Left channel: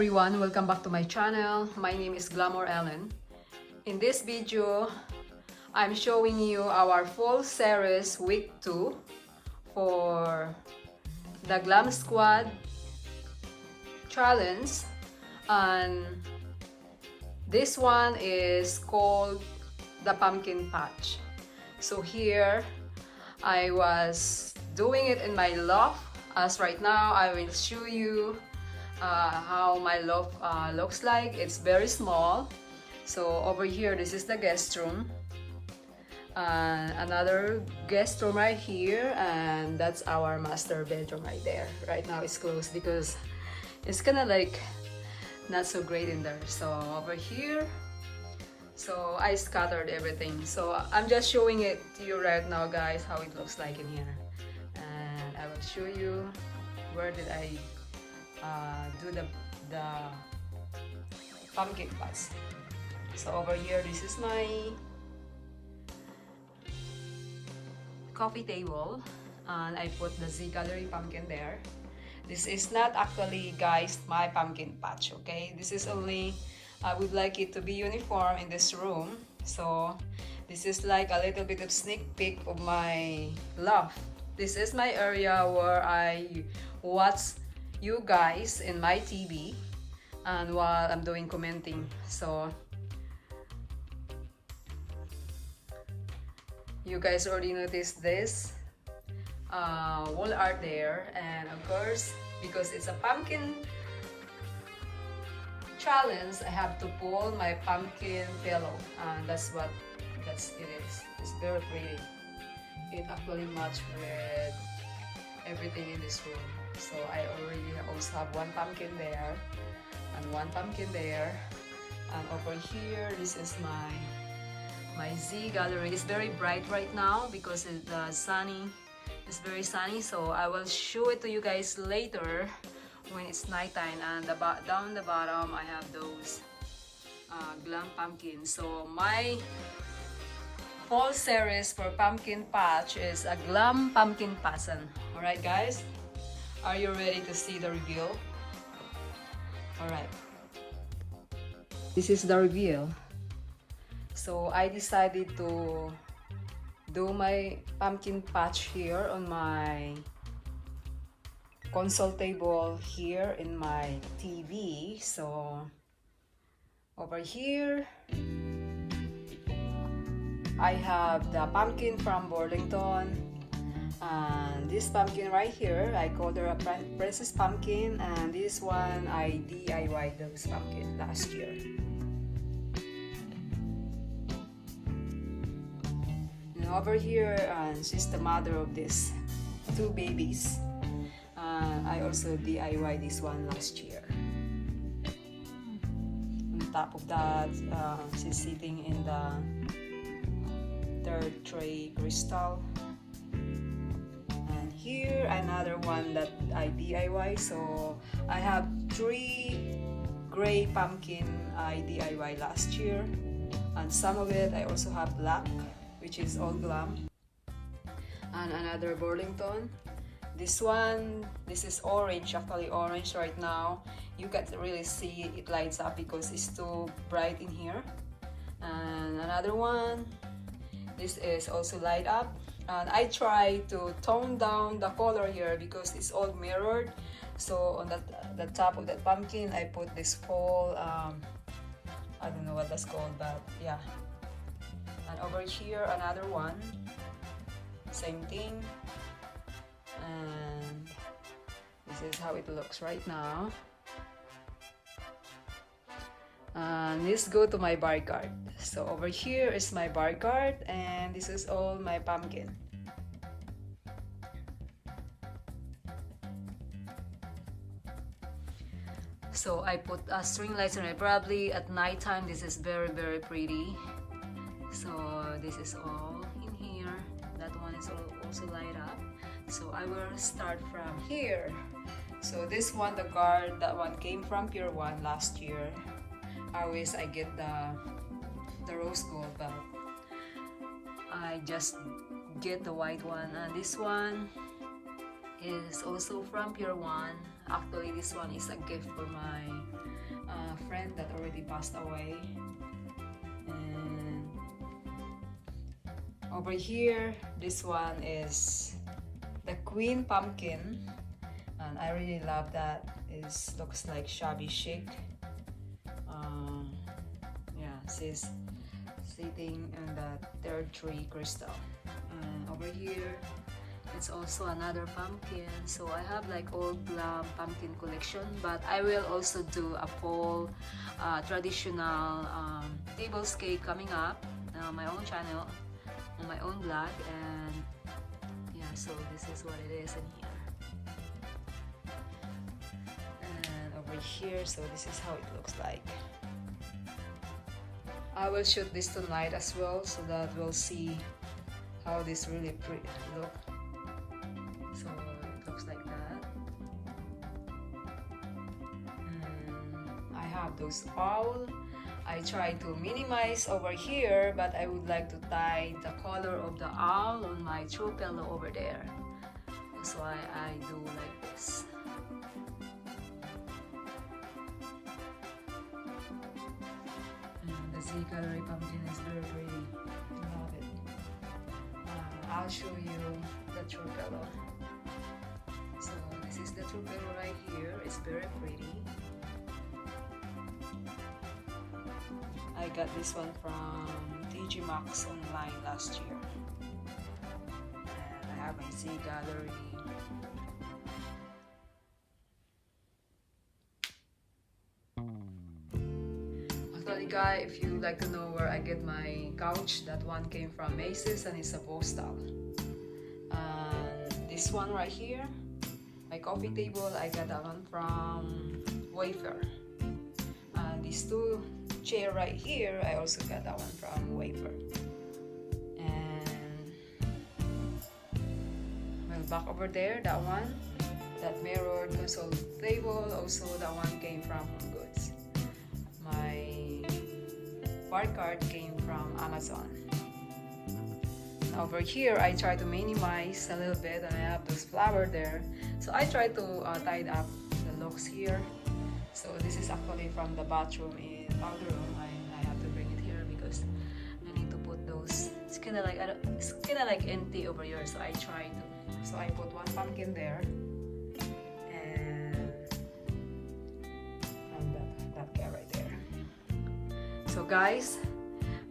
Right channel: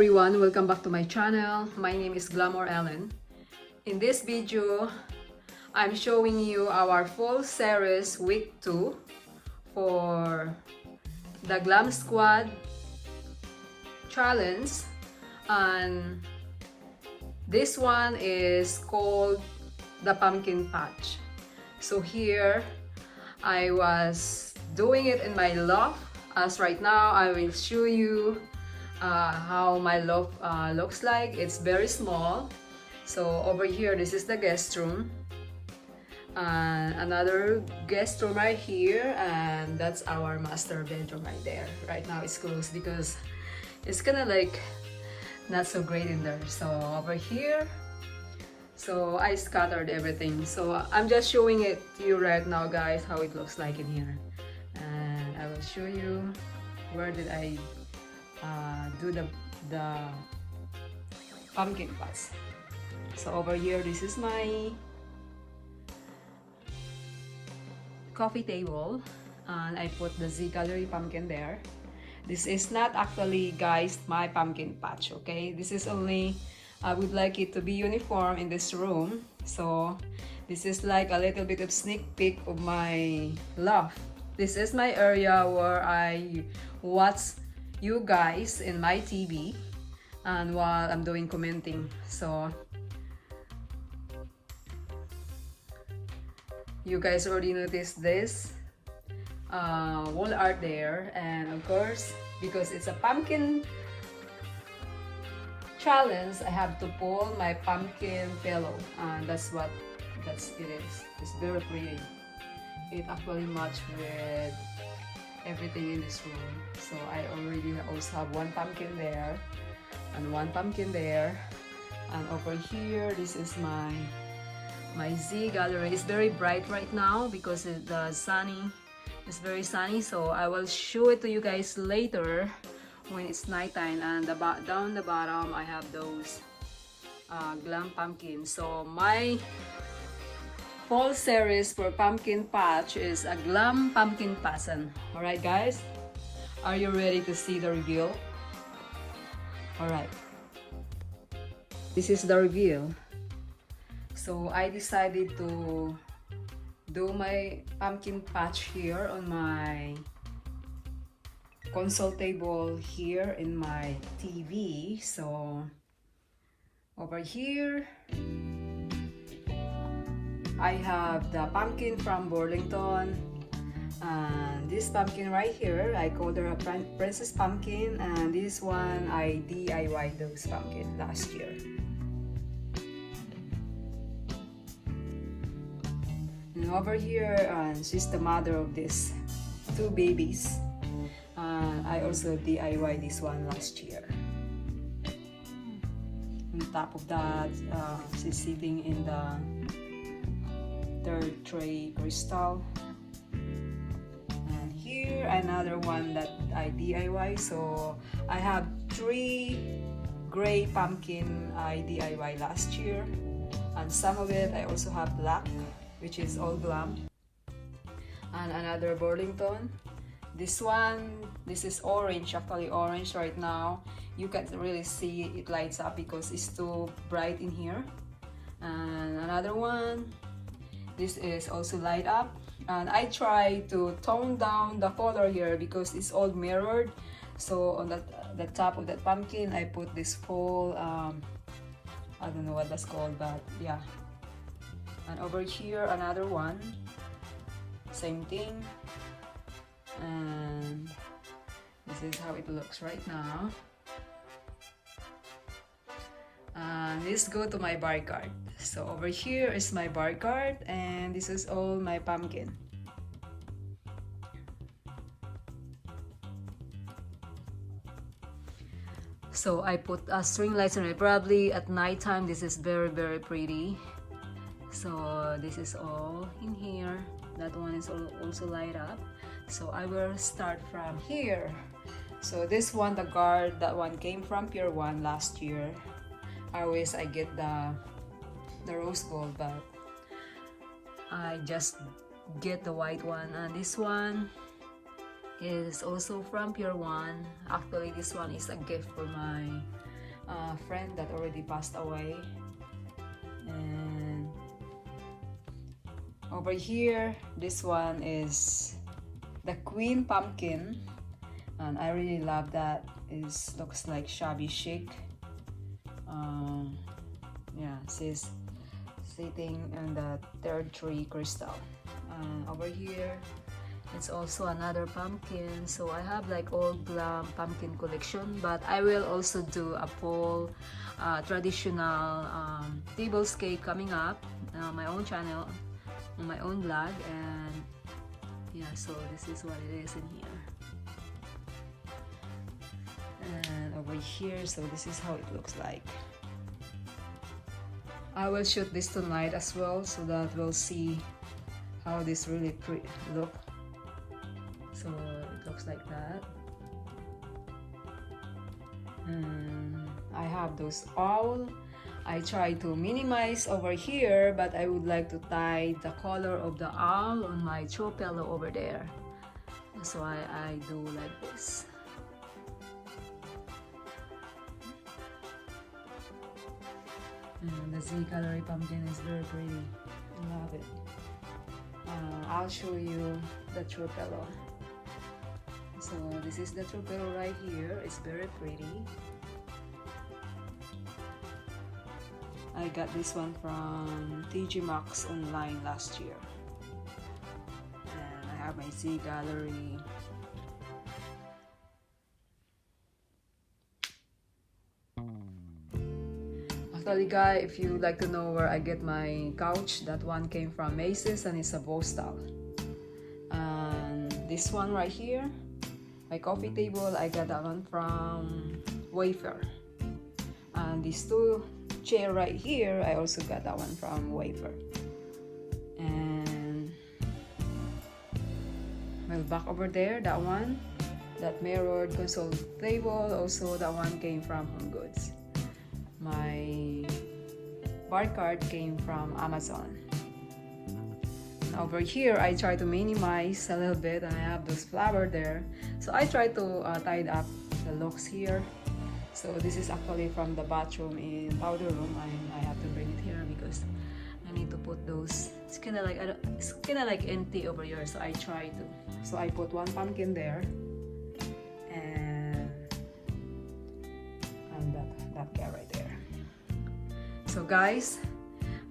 everyone, welcome back to my channel. My name is Glamour Ellen. In this video, I'm showing you our fall series week 2 for the Glam Squad challenge, and this one is called the pumpkin patch. So here I was doing it in my loft. As right now I will show you how my loft looks like. It's very small. So over here, this is the guest room, another guest room right here, and that's our master bedroom right there. Right now it's closed because it's kind of like not so great in there. So over here, so I scattered everything, so I'm just showing it to you right now, guys, how it looks like in here, and I will show you where did I do the pumpkin patch. So over here, this is my coffee table, and I put the Z Gallery pumpkin there. This is not actually, guys, my pumpkin patch, okay? This is only, I would like it to be uniform in this room. So this is like a little bit of sneak peek of my loft. This is my area where I watch you guys in my TV and while I'm doing commenting. So you guys already noticed this wall art there, and of course, because it's a pumpkin challenge, I have to pull my pumpkin pillow, and that's what it is. It's very pretty. It actually matches with everything in this room. So I already also have one pumpkin there and one pumpkin there, and over here, this is my Z Gallery. Is very bright right now because it's very sunny, so I will show it to you guys later when it's nighttime. And down the bottom, I have those Glam pumpkins. So my fall series for pumpkin patch is a Glam pumpkin pattern. Alright, guys, are you ready to see the reveal? Alright, this is the reveal. So I decided to do my pumpkin patch here on my console table here in my TV. So over here, I have the pumpkin from Burlington, and this pumpkin right here, I called her a princess pumpkin, and this one I DIY those pumpkin last year. And over here, she's the mother of these 2 babies. I also DIY this one last year. On top of that, she's sitting in the 3rd tray crystal. And here, another one that I DIY. So I have 3 gray pumpkin I DIY last year, and some of it I also have black, which is all Glam, and another Burlington. This one, this is orange, actually orange right now. You can't really see it lights up because it's too bright in here. And another one, this is also light up, and I try to tone down the color here because it's all mirrored. So on the top of that pumpkin, I put this whole I don't know what that's called, but yeah. And over here, another one, same thing, and this is how it looks right now. And let's go to my bar card. So over here is my bar card, and this is all my pumpkin. So I put string lights on it. Probably at nighttime, this is very, very pretty. So this is all in here. That one is also light up. So I will start from here. So this one, the guard, that one came from Pure One last year. Always I get the rose gold, but I just get the white one. And this one is also from Pure One. Actually, this one is a gift for my friend that already passed away. And over here, this one is the Queen Pumpkin, and I really love that. It looks like shabby chic. Yeah, she's sitting on the third tree crystal. Over here, it's also another pumpkin. So I have like old Glam pumpkin collection, but I will also do a full traditional tablescape coming up on my own channel, on my own blog. And yeah, so this is what it is in here. And over here, so this is how it looks like. I will shoot this tonight as well, so that we'll see how this really look. So it looks like that. I have those all. I try to minimize over here, but I would like to tie the color of the owl on my throw pillow over there. That's why I do like this. The Z coloring pumpkin is very pretty. I love it. I'll show you the throw pillow. So this is the throw pillow right here. It's very pretty. I got this one from TG Maxx online last year. And I have my Z gallery. Actually guys, if you like to know where I get my couch, that one came from Macy's and it's a Vostal. And this one right here, my coffee table, I got that one from Wayfair. And these two chair right here, I also got that one from Wayfair. And well, back over there, that one, that mirrored console table, also that one came from Home Goods. My bar card came from Amazon. Over here, I try to minimize a little bit, and I have those flowers there. So I try to tie up the looks here. So this is actually from the bathroom in powder room, and I have to bring it here because I need to put those. It's kind of like empty over here, so I try to. So I put one pumpkin there, and that guy right there. So guys,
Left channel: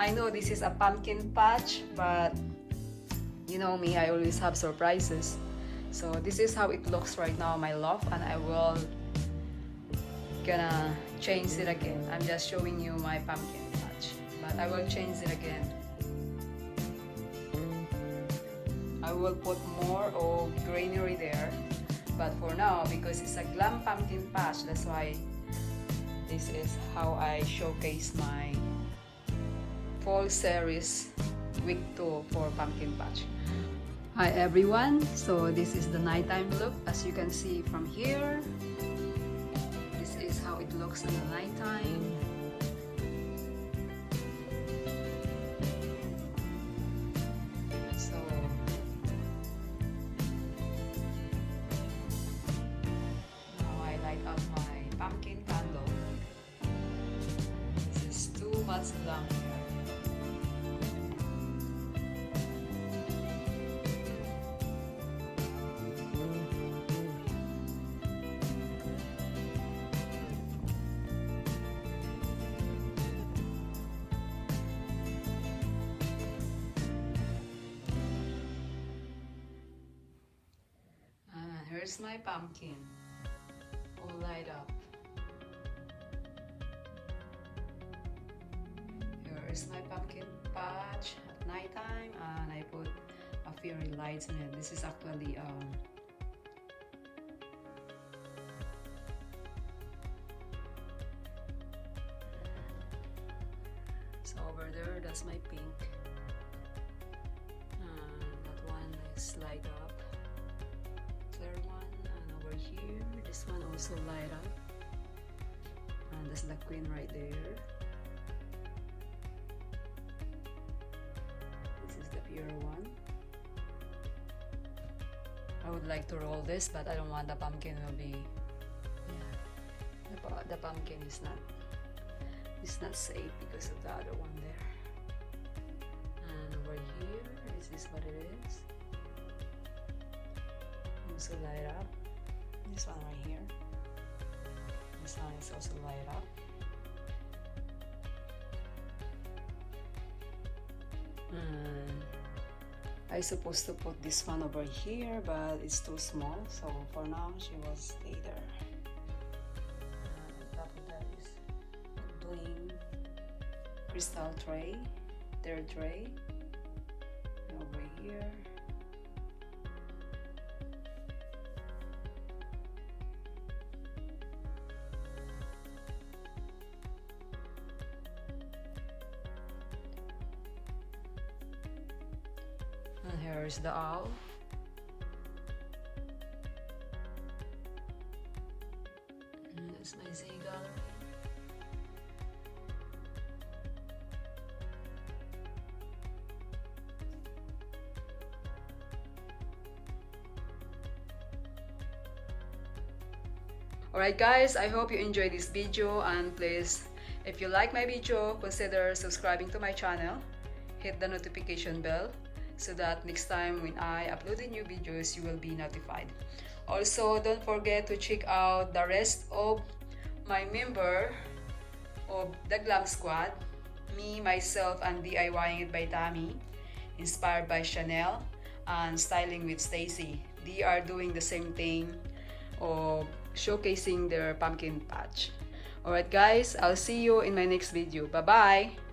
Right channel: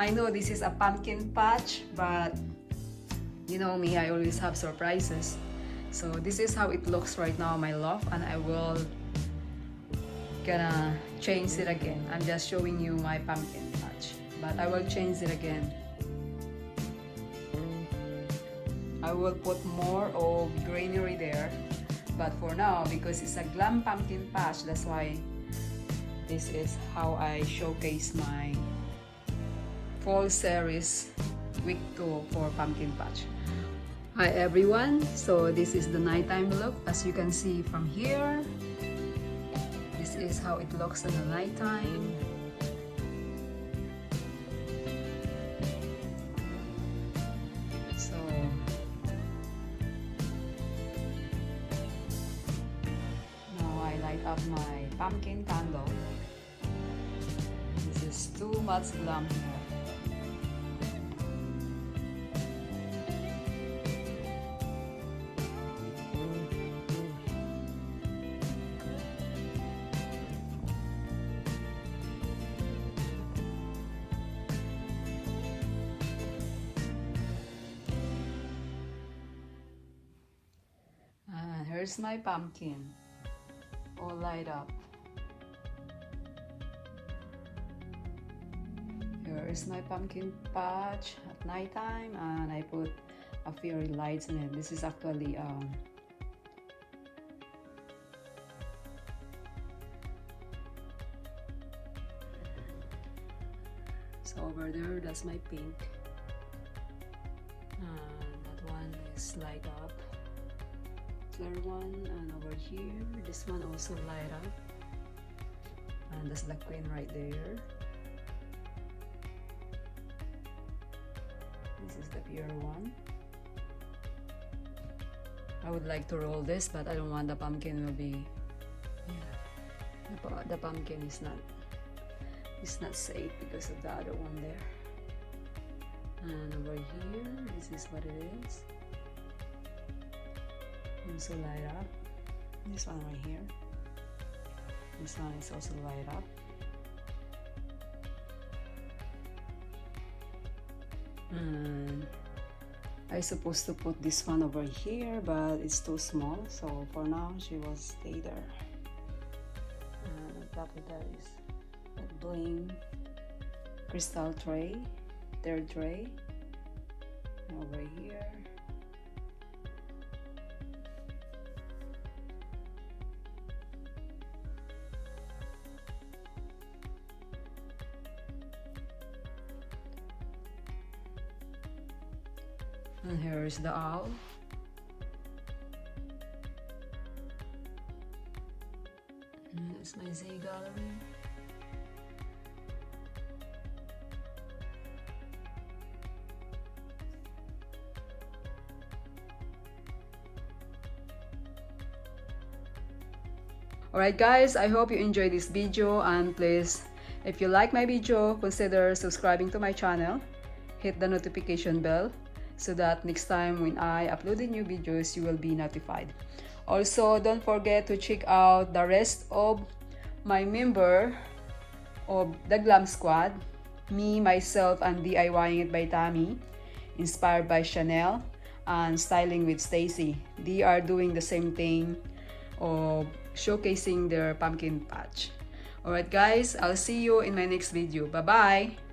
I know this is a pumpkin patch, but you know me, I always have surprises. So this is how it looks right now, my loft, and I will gonna change it again. I'm just showing you my pumpkin patch, but I will change it again. I will put more of greenery there, but for now, because it's a Glam pumpkin patch, that's why this is how I showcase my fall series week 2 for pumpkin patch. Hi everyone, so this is the nighttime look. As you can see from here, this is how it looks in the nighttime. So now I light up my pumpkin candle. This is too much glam here. Here's my pumpkin, all light up. Here's my pumpkin patch at nighttime, and I put a fairy lights in it. This is actually so over there, that's my pink. That one is light up. One, and over here this one also light up, and that's the queen right there. This is the pure one. I would like to roll this, but I don't want the pumpkin will be the pot. the pumpkin is not safe because of the other one there. And over here, this is what it is. Also light up. This one right here. This one is also light up. And I supposed to put this one over here, but it's too small, so for now she will stay there. And on top of that is a bling crystal tray, third tray. And over here, and here is the owl. And that's my Z gallery. Alright guys, I hope you enjoyed this video, and please, if you like my video, consider subscribing to my channel. Hit the notification bell so that next time when I upload the new videos, you will be notified. Also, don't forget to check out the rest of my member of the Glam Squad, me, myself, and DIYing it by Tammy, inspired by Chanel, and styling with Stacy. They are doing the same thing of showcasing their pumpkin patch. Alright guys, I'll see you in my next video. Bye bye!